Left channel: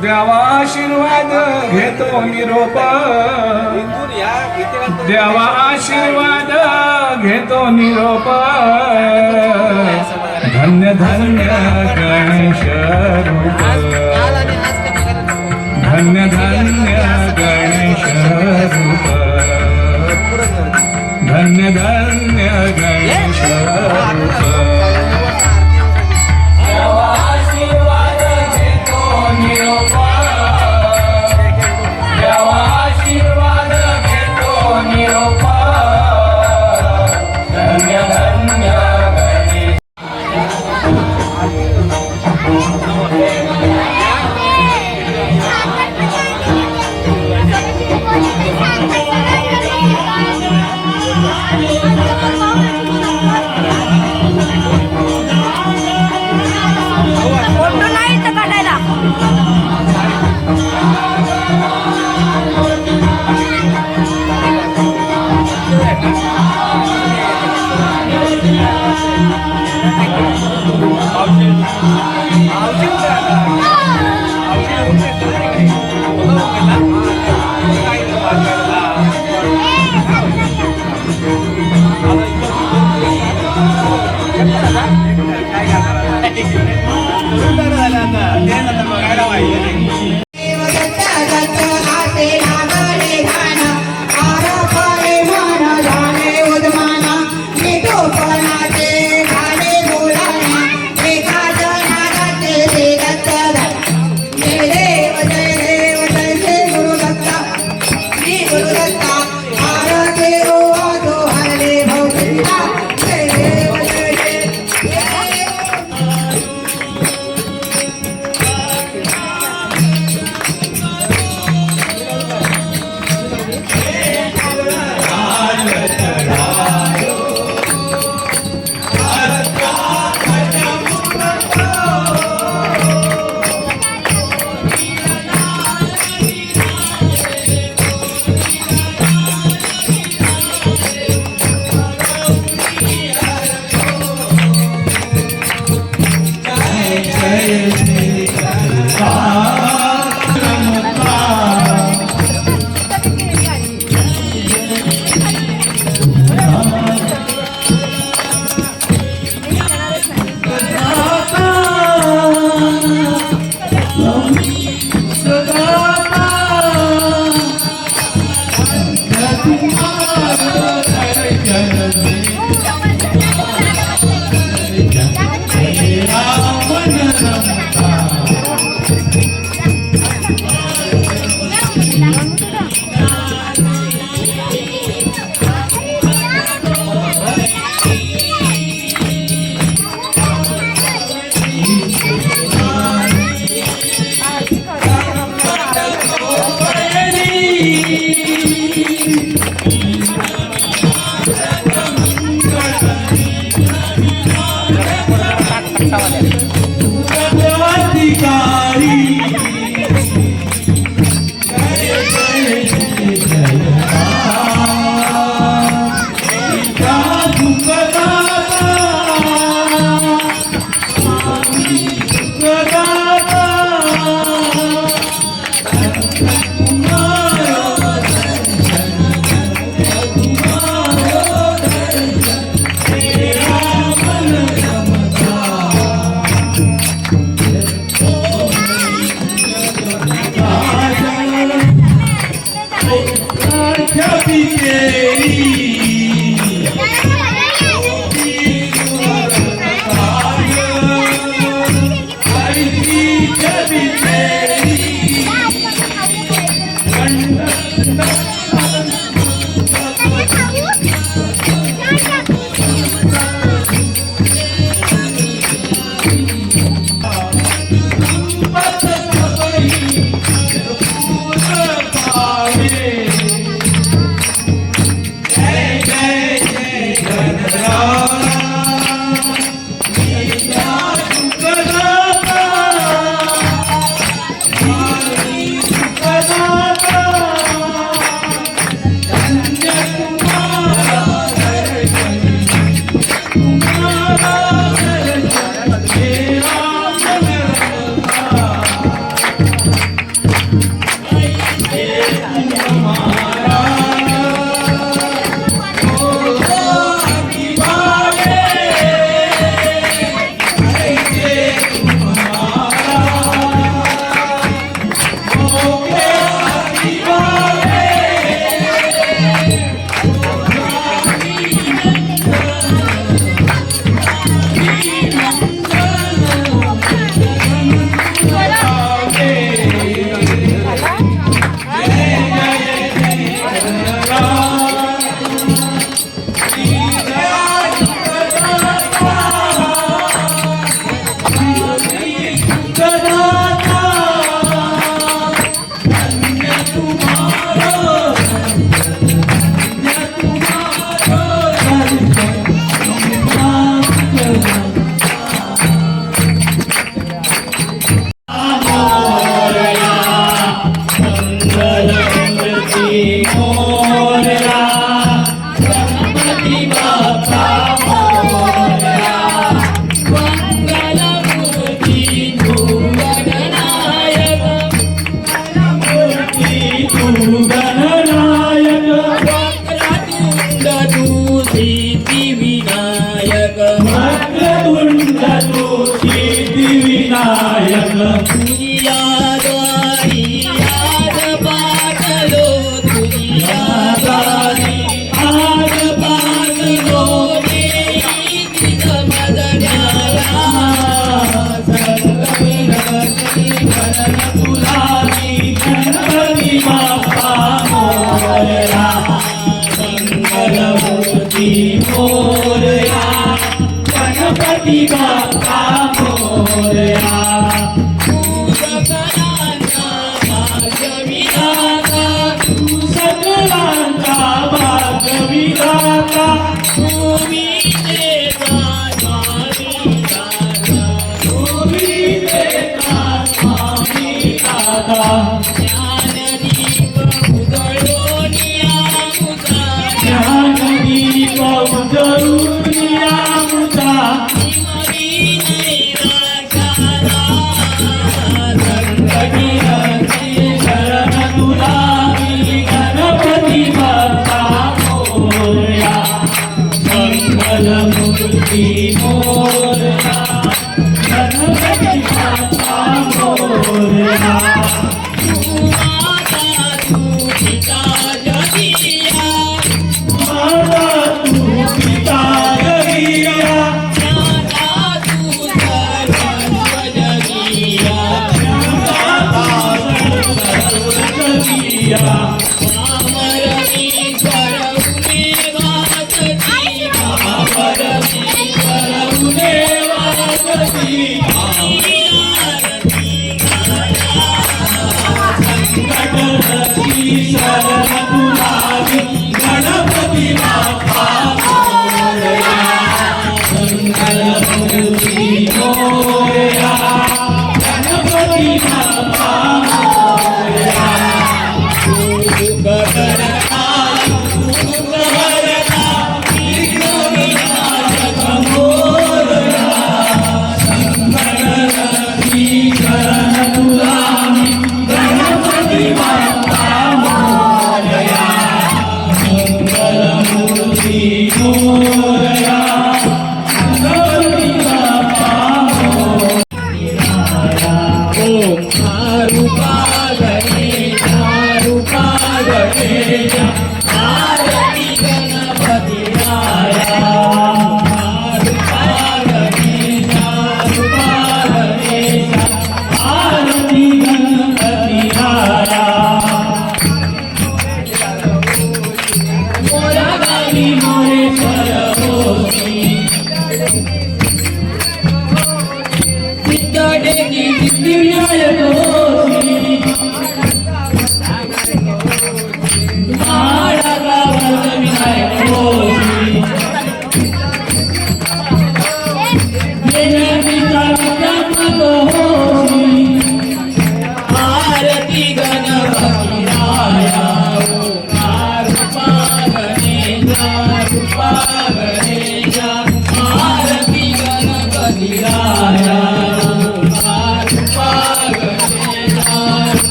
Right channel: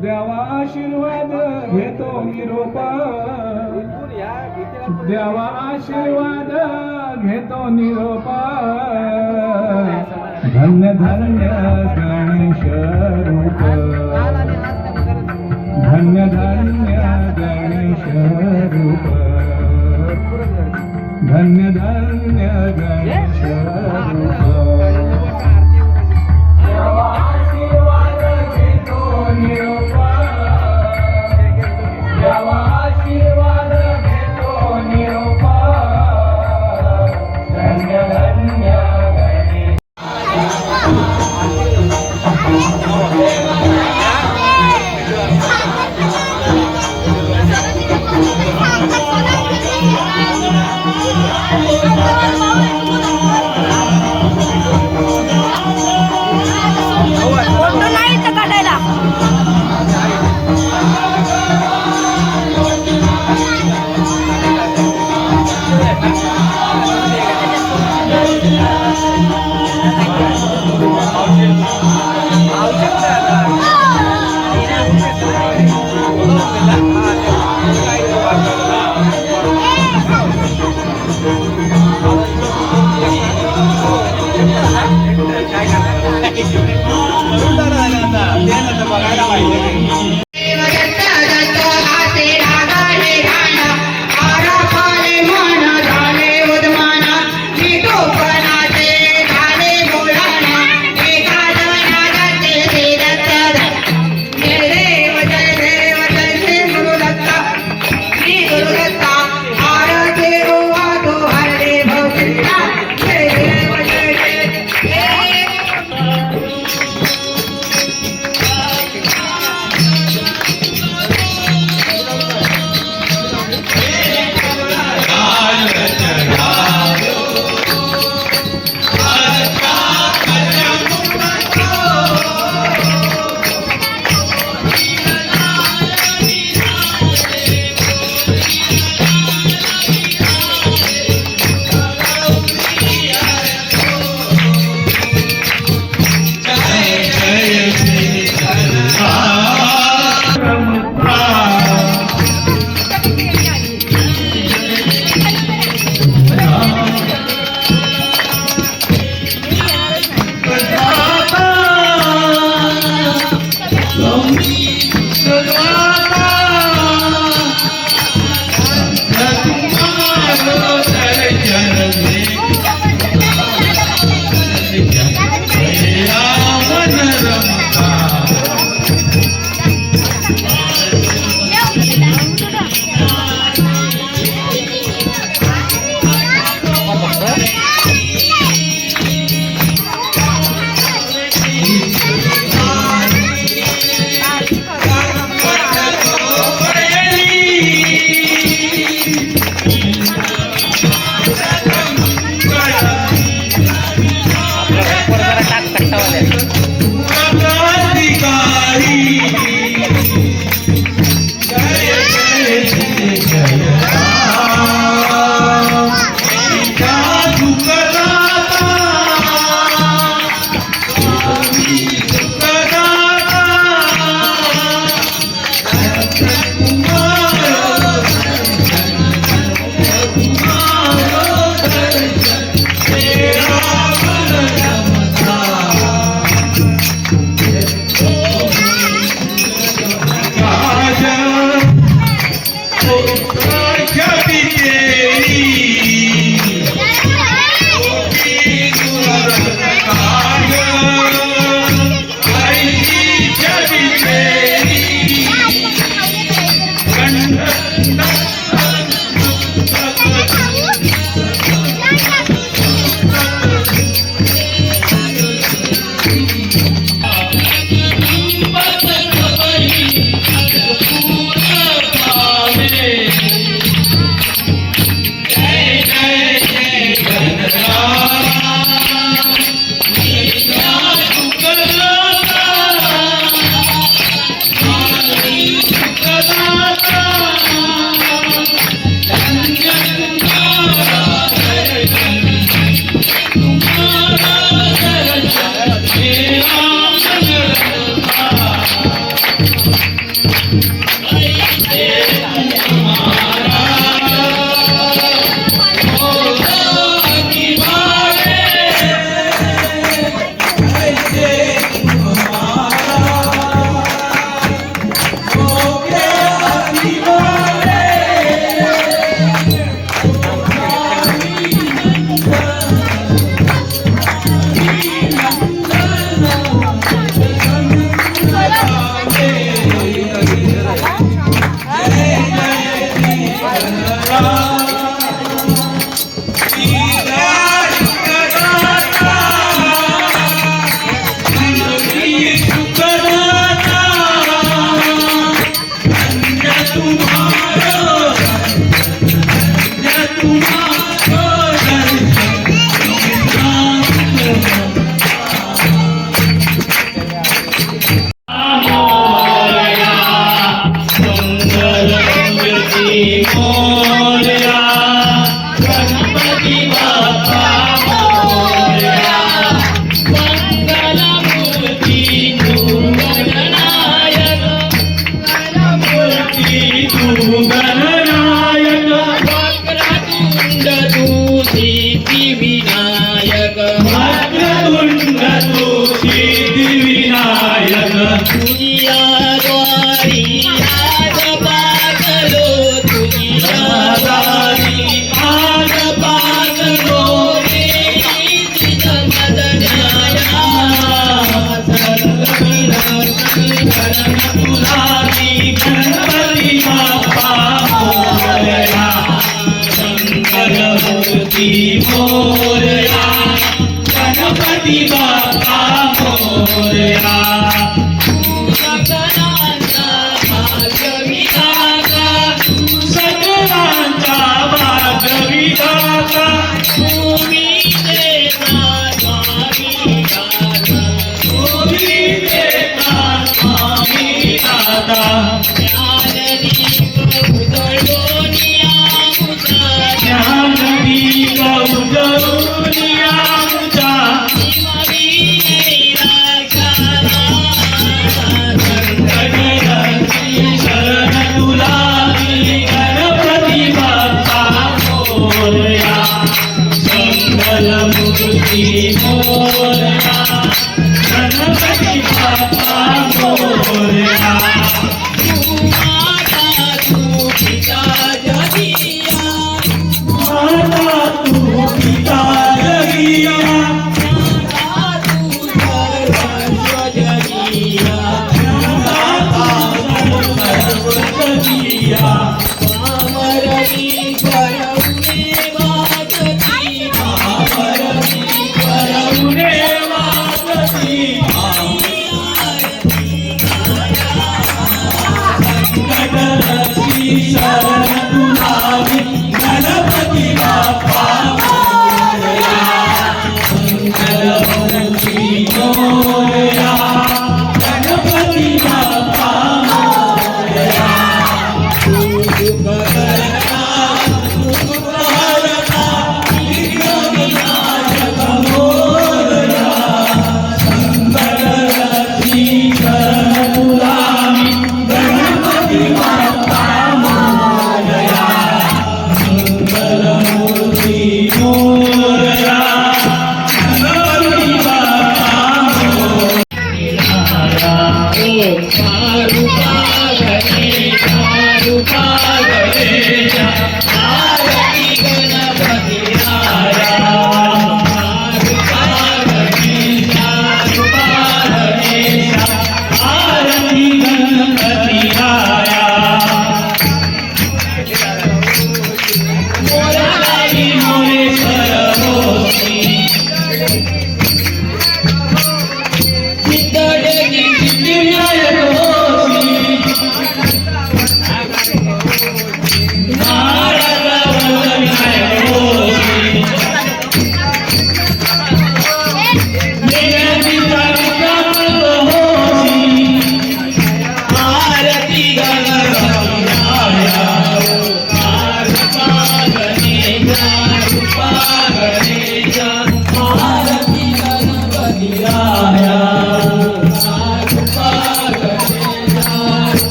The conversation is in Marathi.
देवा आशीर्वाद घेतो निरोप देवा आशीर्वाद घेतो निरोप धन्य धन्य गणेश रूप. धन्य धन्य Yeah.